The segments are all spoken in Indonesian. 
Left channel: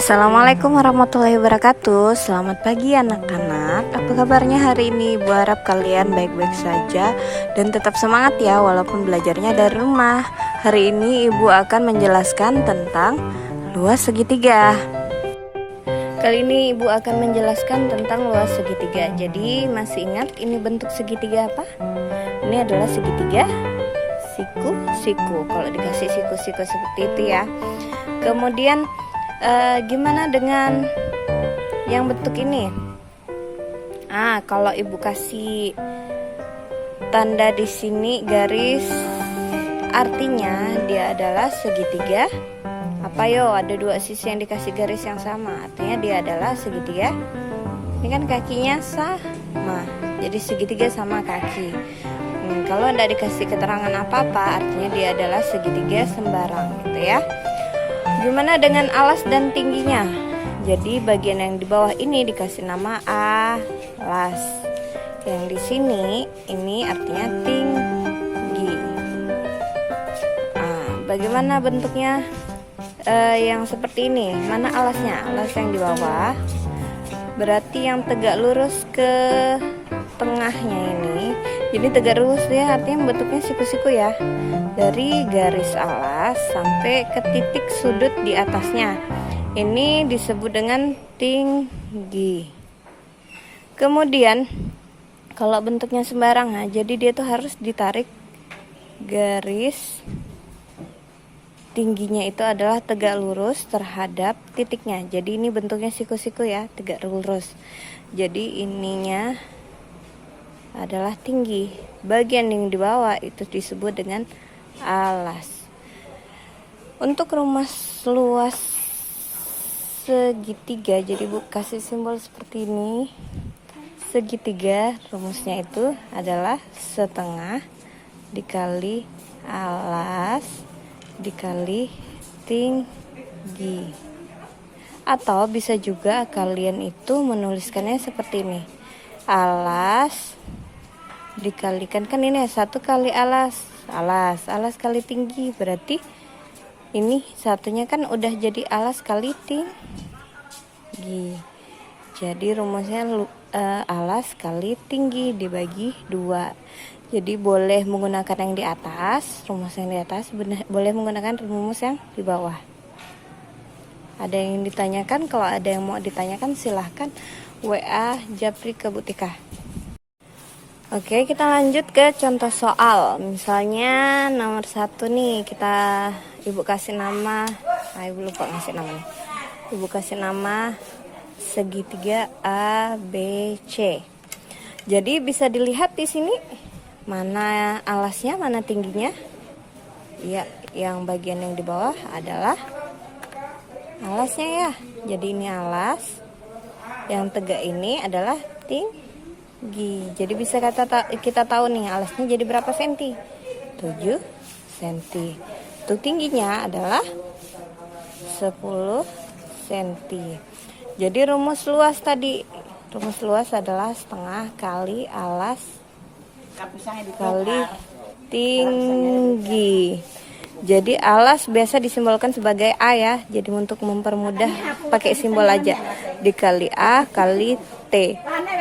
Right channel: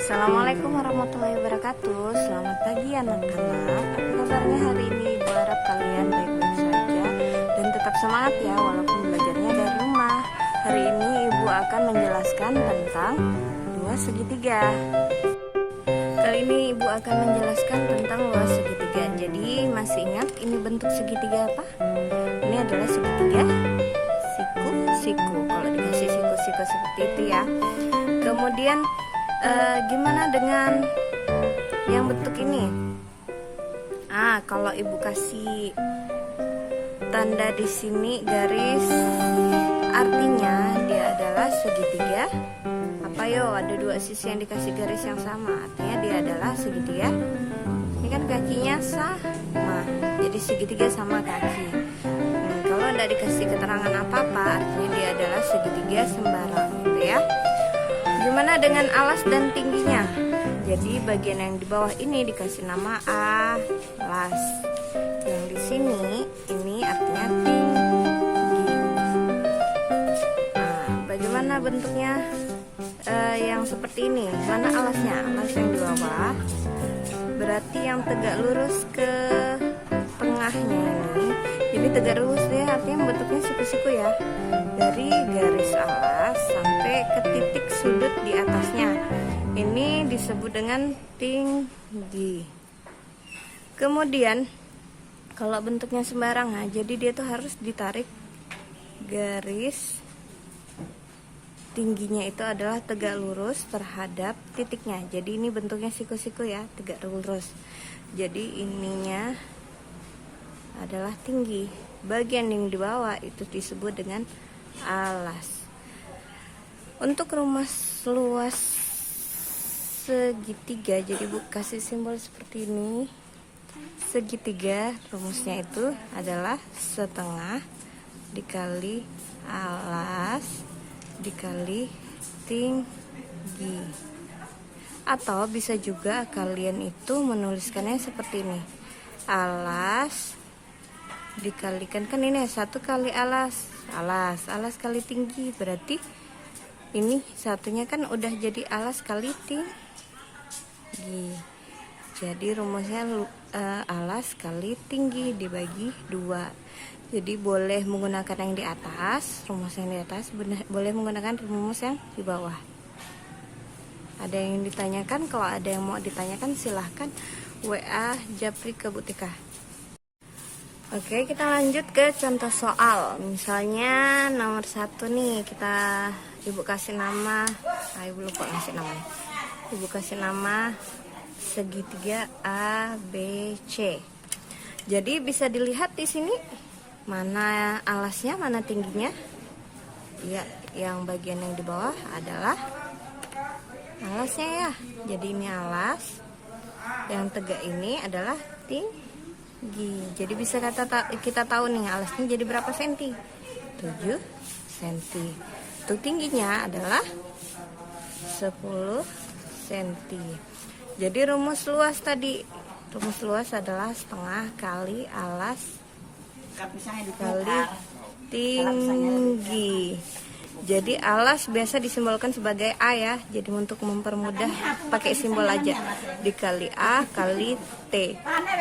Assalamualaikum warahmatullahi wabarakatuh. Selamat pagi anak-anak. Apa kabarnya hari ini? Ibu harap kalian baik-baik saja dan tetap semangat ya walaupun belajarnya dari rumah. Hari ini Ibu akan menjelaskan tentang luas segitiga. Kali ini Ibu akan menjelaskan tentang luas segitiga. Jadi masih ingat ini bentuk segitiga apa? Ini adalah segitiga siku-siku. Kalau dikasih siku-siku seperti itu ya. Kemudian gimana dengan yang bentuk ini? Kalau Ibu kasih tanda di sini garis, artinya dia adalah segitiga. Apa yo? Ada dua sisi yang dikasih garis yang sama, artinya dia adalah segitiga. Ini kan kakinya sama, jadi segitiga sama kaki. Kalau tidak dikasih keterangan apa-apa, artinya dia adalah segitiga sembarang, gitu ya. Gimana dengan alas dan tingginya? Jadi bagian yang di bawah ini dikasih nama alas. Yang di sini ini artinya tinggi. Bagaimana bentuknya? Yang seperti ini. Mana alasnya? Alas yang di bawah. Berarti yang tegak lurus ke tengahnya ini. Jadi tegak lurus ya, artinya bentuknya siku-siku ya. Dari garis alas sampai ke titik sudut di atasnya. Ini disebut dengan tinggi. Kemudian kalau bentuknya sembarangan, jadi dia tuh harus ditarik garis tingginya itu adalah tegak lurus terhadap titiknya. Jadi ini bentuknya siku-siku ya, tegak lurus. Jadi ininya adalah tinggi. Bagian yang di bawah itu disebut dengan alas. Untuk rumus luas segitiga, jadi Bu kasih simbol seperti ini. Segitiga rumusnya itu adalah setengah dikali alas dikali tinggi. Atau bisa juga kalian itu menuliskannya seperti ini. Alas dikalikan, kan ini satu kali alas kali tinggi, berarti ini satunya kan udah jadi alas kali tinggi. Jadi rumusnya alas kali tinggi dibagi 2. Jadi boleh menggunakan yang di atas, rumus yang di atas, boleh menggunakan rumus yang di bawah. Ada yang ditanyakan? Kalau ada yang mau ditanyakan silahkan WA Japri ke Bu Tika. Oke, kita lanjut ke contoh soal. Misalnya nomor 1 nih, Ibu kasih nama, Ibu lupa ngasih namanya. Ibu kasih nama segitiga ABC. Jadi bisa dilihat di sini mana alasnya, mana tingginya. Ya, yang bagian yang di bawah adalah alasnya ya. Jadi ini alas. Yang tegak ini adalah tinggi. Jadi bisa kita tahu nih alasnya jadi berapa senti? 7 senti. Untuk tingginya adalah 10 senti. Jadi rumus luas tadi, rumus luas adalah setengah kali alas kali tinggi. Jadi alas biasa disimbolkan sebagai A ya. Jadi untuk mempermudah pakai simbol aja. Dikali A kali T.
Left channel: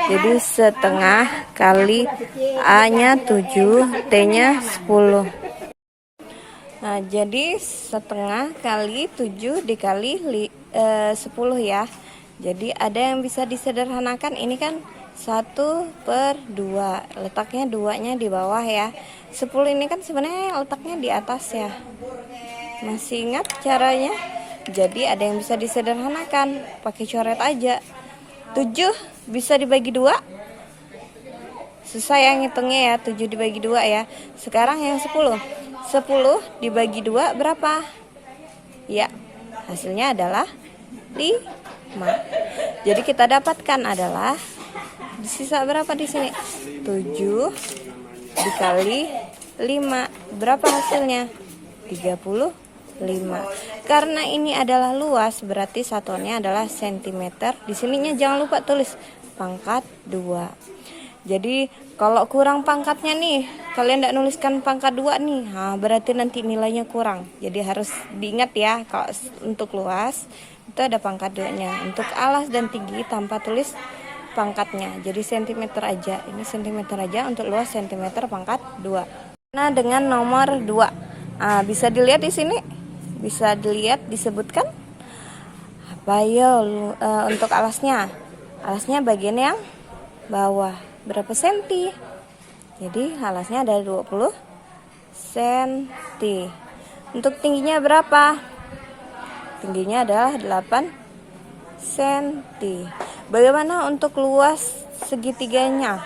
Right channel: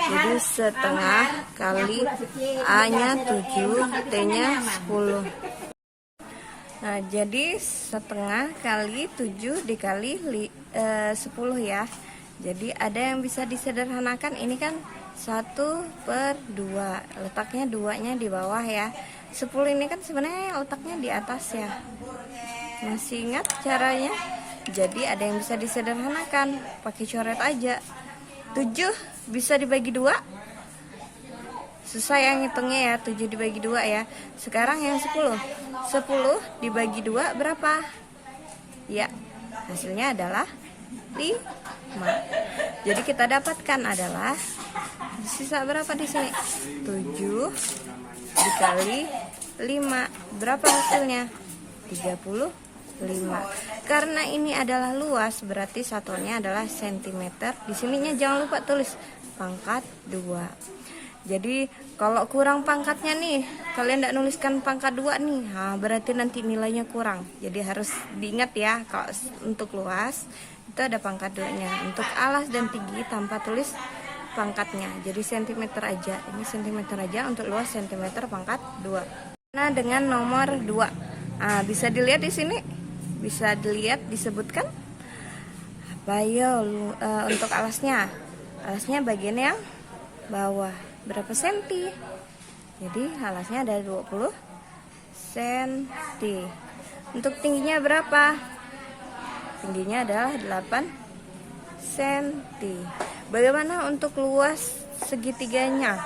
Jadi setengah kali A-nya 7, T-nya 10. Nah, jadi setengah kali 7 dikali 10 ya. Jadi ada yang bisa disederhanakan. Ini kan 1/2. Letaknya 2-nya di bawah ya. 10 ini kan sebenarnya letaknya di atas ya. Masih ingat caranya? Jadi ada yang bisa disederhanakan, pakai coret aja. 7 bisa dibagi 2. Susah yang ngitungnya ya, 7 dibagi 2 ya. Sekarang yang 10. 10 dibagi 2 berapa? Ya, hasilnya adalah 5. Jadi kita dapatkan adalah sisa berapa di sini? 7 dikali 5. Berapa hasilnya? 35. Karena ini adalah luas, berarti satuannya adalah sentimeter. Di sininya jangan lupa tulis pangkat 2. Jadi kalau kurang pangkatnya nih, kalian tidak nuliskan pangkat 2 nih, berarti nanti nilainya kurang. Jadi harus diingat ya, kalau untuk luas situ ada pangkat 2-nya. Untuk alas dan tinggi tanpa tulis pangkatnya. Jadi sentimeter aja. Ini sentimeter aja, untuk luas sentimeter pangkat 2. Nah, dengan nomor 2. Nah, bisa dilihat di sini. Bisa dilihat disebutkan apa ya untuk alasnya. Alasnya bagian yang bawah. Berapa senti? Jadi alasnya ada 20 senti. Untuk tingginya berapa? Tingginya adalah 8 senti. Bagaimana untuk luas segitiganya?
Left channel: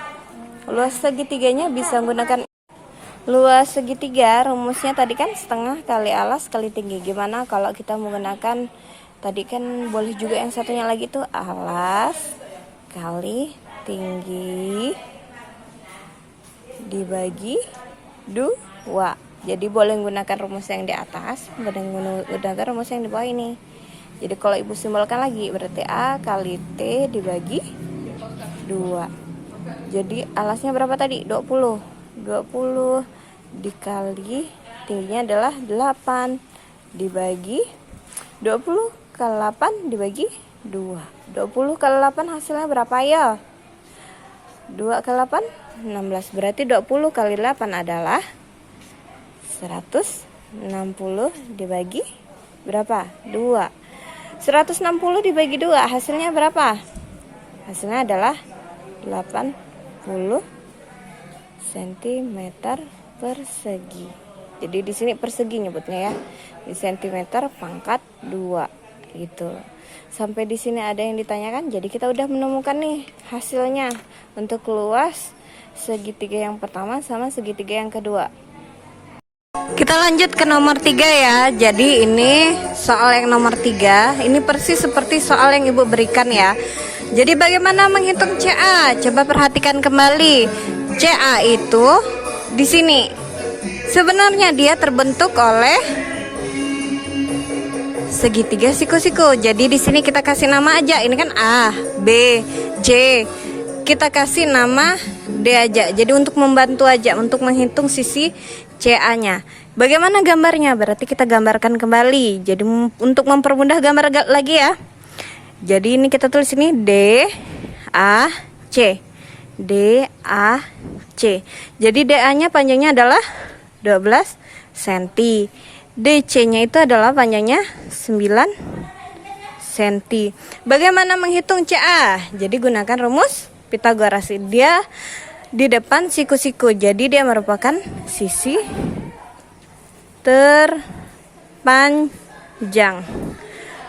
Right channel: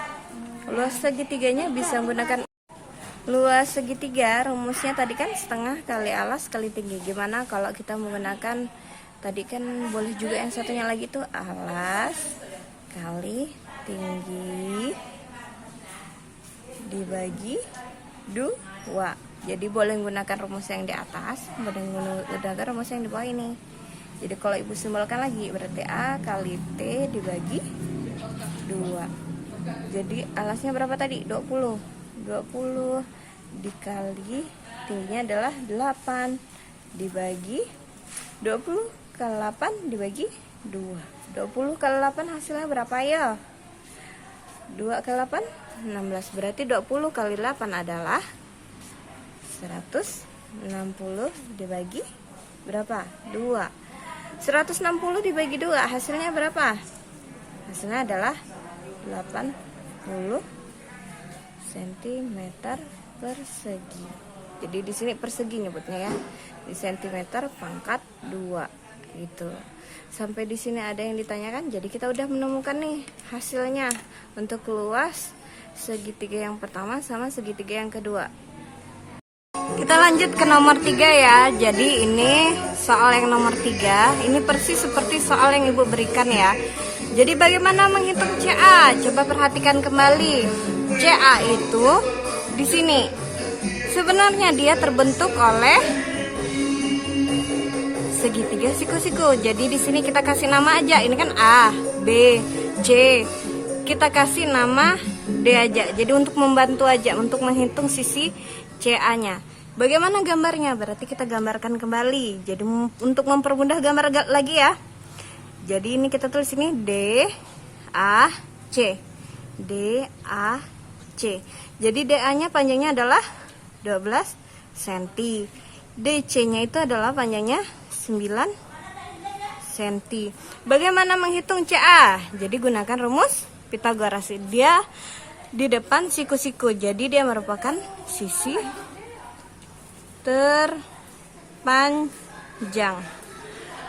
Luas segitiganya bisa menggunakan luas segitiga. Rumusnya tadi kan setengah kali alas kali tinggi. Gimana kalau kita menggunakan tadi kan boleh juga yang satunya lagi tuh alas kali tinggi dibagi 2. Jadi boleh menggunakan rumus yang di atas, boleh menggunakan rumus yang di bawah ini. Jadi kalau ibu simbolkan lagi berarti A kali T dibagi 2. Jadi alasnya berapa tadi? 20 dikali tingginya adalah 8 dibagi 20 kali 8 dibagi 2. 20 kali 8 hasilnya berapa ya? 2 kali 8 16. Berarti 20 kali 8 adalah 160 dibagi berapa? 2. 160 dibagi 2 hasilnya berapa? Hasilnya adalah 80 cm persegi. Jadi di sini persegi nyebutnya ya. Di sentimeter pangkat 2 gitu. Sampai di sini ada yang ditanyakan. Jadi kita udah menemukan nih hasilnya untuk luas segitiga yang pertama sama segitiga yang kedua. Kita lanjut ke nomor 3 ya. Jadi ini soal yang nomor 3. Ini persis seperti soal yang ibu berikan ya. Jadi bagaimana menghitung CA? Coba perhatikan kembali. CA itu di sini. Sebenarnya dia terbentuk oleh segitiga siku-siku. Jadi di sini kita kasih nama aja. Ini kan A, B, C. Kita kasih nama D aja. Jadi untuk membantu aja untuk menghitung sisi CA-nya. Bagaimana gambarnya? Berarti kita gambarkan kembali. Jadi untuk mempermudah gambar lagi ya. Jadi ini kita tulis ini D A C. D A C. Jadi DA-nya panjangnya adalah 12 cm. DC-nya itu adalah panjangnya 9 cm. Bagaimana menghitung CA? Jadi gunakan rumus Pitagoras. Dia di depan siku-siku. Jadi dia merupakan sisi terpanjang.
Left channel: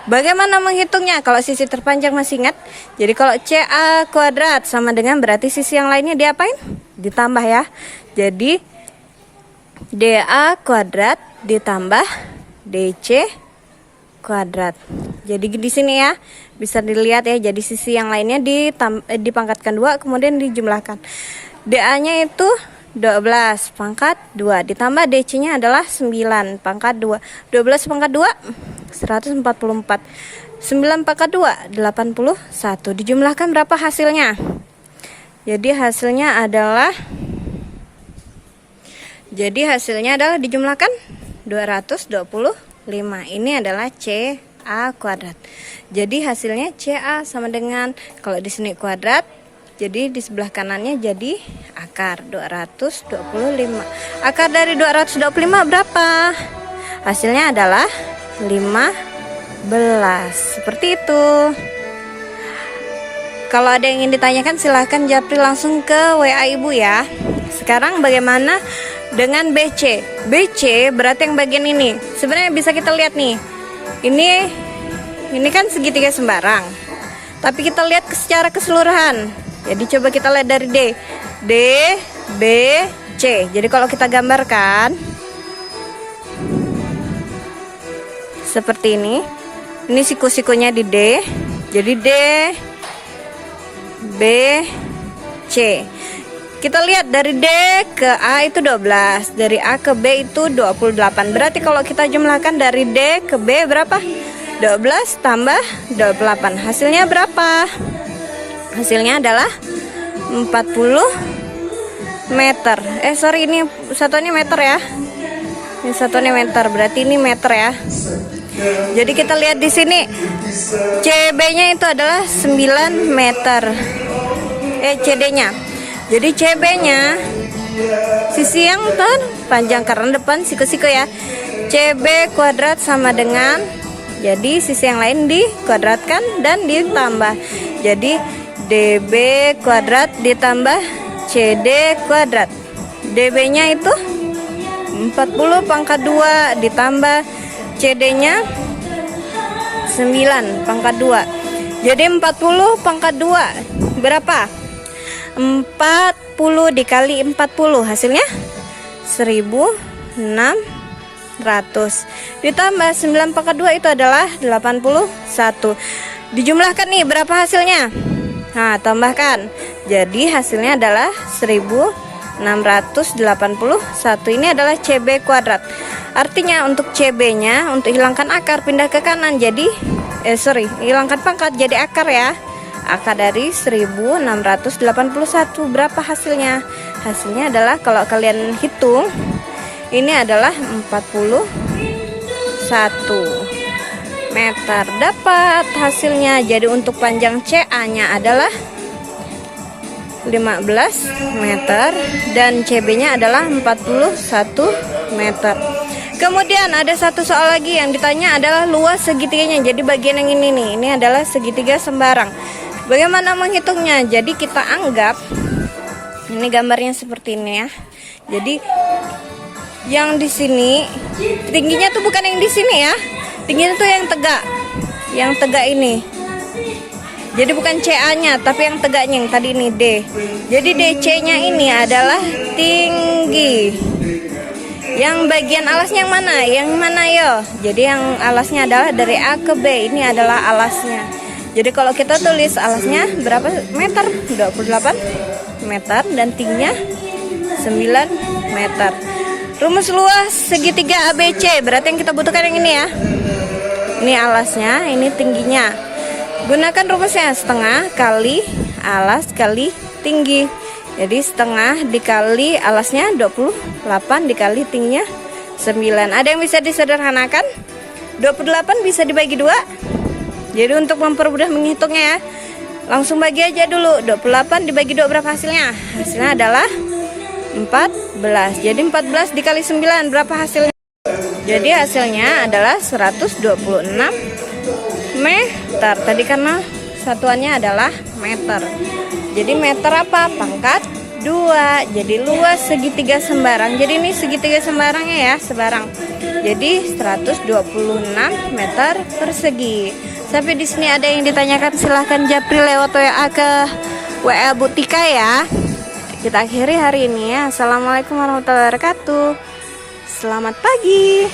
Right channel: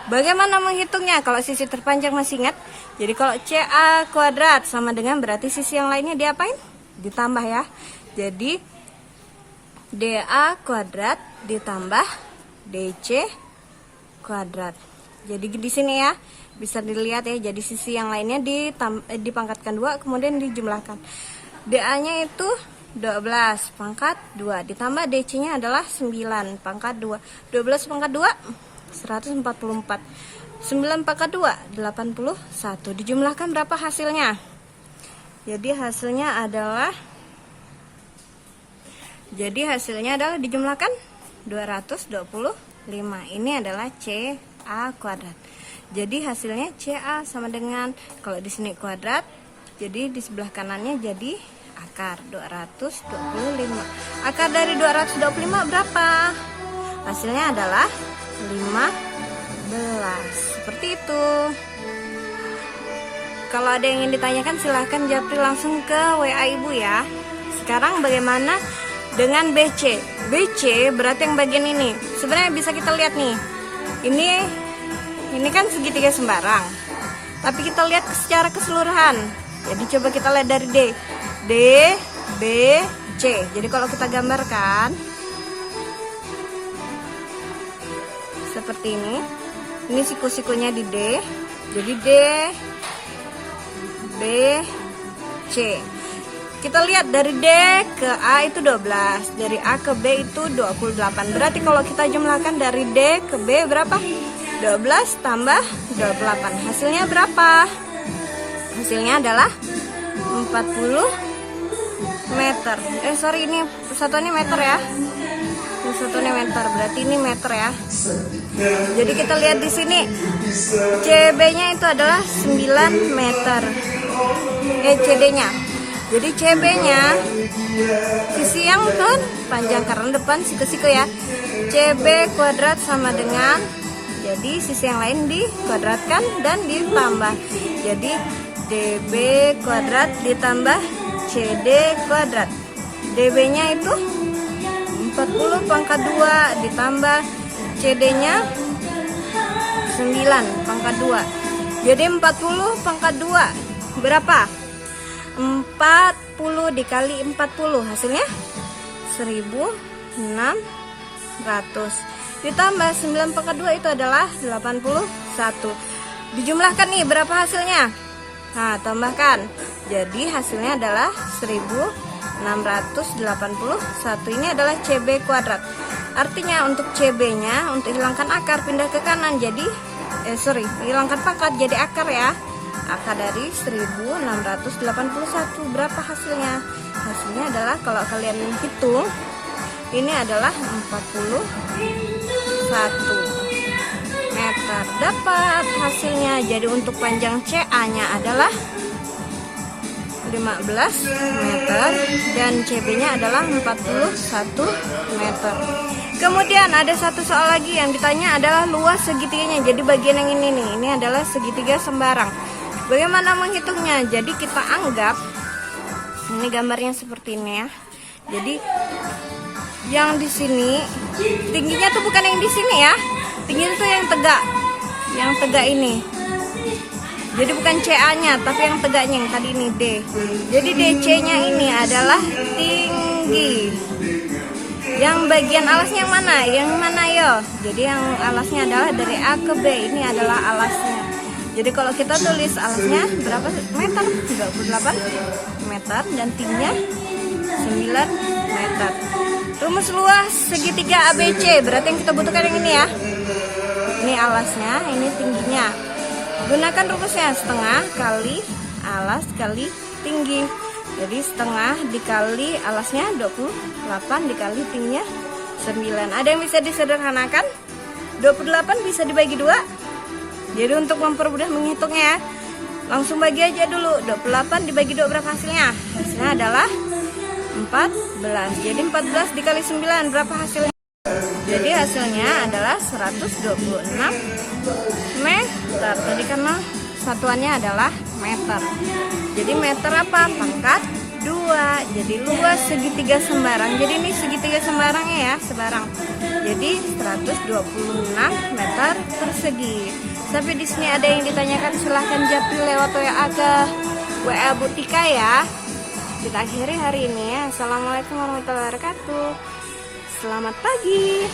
Bagaimana menghitungnya? Kalau sisi terpanjang masih ingat? Jadi kalau CA kuadrat sama dengan berarti sisi yang lainnya diapain? Ditambah ya. Jadi DA kuadrat ditambah DC kuadrat. Jadi di sini ya bisa dilihat ya. Jadi sisi yang lainnya dipangkatkan 2 kemudian dijumlahkan. DA-nya itu 12 pangkat 2 ditambah DC-nya adalah 9 pangkat 2. 12 pangkat 2 144. 9 pangkat 2 81. Dijumlahkan berapa hasilnya? Jadi hasilnya adalah dijumlahkan 225. Ini adalah CA kuadrat. Jadi hasilnya CA sama dengan kalau di sini kuadrat, jadi di sebelah kanannya jadi akar 225. Akar dari 225 berapa? Hasilnya adalah 15. Seperti itu. Kalau ada yang ingin ditanyakan silahkan japri langsung ke WA ibu ya. Sekarang bagaimana dengan BC? BC berarti yang bagian ini. Sebenarnya bisa kita lihat nih. Ini kan segitiga sembarang. Tapi kita lihat secara keseluruhan. Jadi coba kita lihat dari D, B, C. Jadi kalau kita gambarkan seperti ini. Ini siku-sikunya di D. Jadi D, B, C. Kita lihat dari D ke A itu 12, dari A ke B itu 28. Berarti kalau kita jumlahkan dari D ke B berapa? 12 tambah 28. Hasilnya berapa? Hasilnya adalah 40 meter. Ini satuannya meter ya. Ini satuannya meter, berarti ini meter ya. Jadi kita lihat di sini CB-nya itu adalah 9 meter. CD-nya. Jadi CB-nya sisi yang terpanjang karena depan siku-siku ya. CB kuadrat sama dengan, jadi sisi yang lain dikuadratkan dan ditambah. Jadi DB kuadrat ditambah CD kuadrat. DB-nya itu 40 pangkat 2 ditambah CD-nya 9 pangkat 2. Jadi 40 pangkat 2 berapa? 40 dikali 40 hasilnya 1600 ditambah 9 pangkat 2 itu adalah 81. Dijumlahkan nih berapa hasilnya? Nah, tambahkan. Jadi hasilnya adalah 1681. Ini adalah CB kuadrat. Artinya untuk CB-nya, untuk hilangkan akar pindah ke kanan. Jadi hilangkan pangkat jadi akar ya. Akar dari 1681 berapa hasilnya? Hasilnya adalah kalau kalian hitung ini adalah 41 meter. Dapat hasilnya. Jadi untuk panjang CA-nya adalah 15 meter dan CB-nya adalah 41 meter. Kemudian ada satu soal lagi yang ditanya adalah luas segitiganya. Jadi bagian yang ini nih, ini adalah segitiga sembarang. Bagaimana menghitungnya? Jadi kita anggap ini gambarnya seperti ini ya. Jadi yang di sini tingginya tuh bukan yang di sini ya. Tingginya tuh yang tegak. Yang tegak ini. Jadi bukan CA-nya, tapi yang tegaknya yang tadi ini D. Jadi DC-nya ini adalah tinggi. Yang bagian alasnya yang mana? Yang mana yo? Jadi yang alasnya adalah dari A ke B. Ini adalah alasnya. Jadi kalau kita tulis alasnya berapa meter? 28 meter dan tingginya 9 meter. Rumus luas segitiga ABC. Berarti yang kita butuhkan yang ini ya. Ini alasnya, ini tingginya. Gunakan rumusnya setengah kali alas kali tinggi. Jadi setengah dikali alasnya 28 dikali tingginya 9. Ada yang bisa disederhanakan? 28 bisa dibagi 2. Jadi untuk mempermudah menghitungnya ya, langsung bagi aja dulu. 28 dibagi 2 berapa hasilnya? Hasilnya adalah 14. Jadi 14 dikali 9 berapa hasilnya? Jadi hasilnya adalah 126 meter. Tadi karena satuannya adalah meter. Jadi meter apa? Pangkat 2. Jadi luas segitiga sembarang. Jadi ini segitiga sembarangnya ya, sebarang. Jadi 126 meter persegi. Sampai di sini ada yang ditanyakan, silahkan japri lewat WA ke WA Butika ya. Kita akhiri hari ini ya. Assalamualaikum warahmatullahi wabarakatuh. Selamat pagi.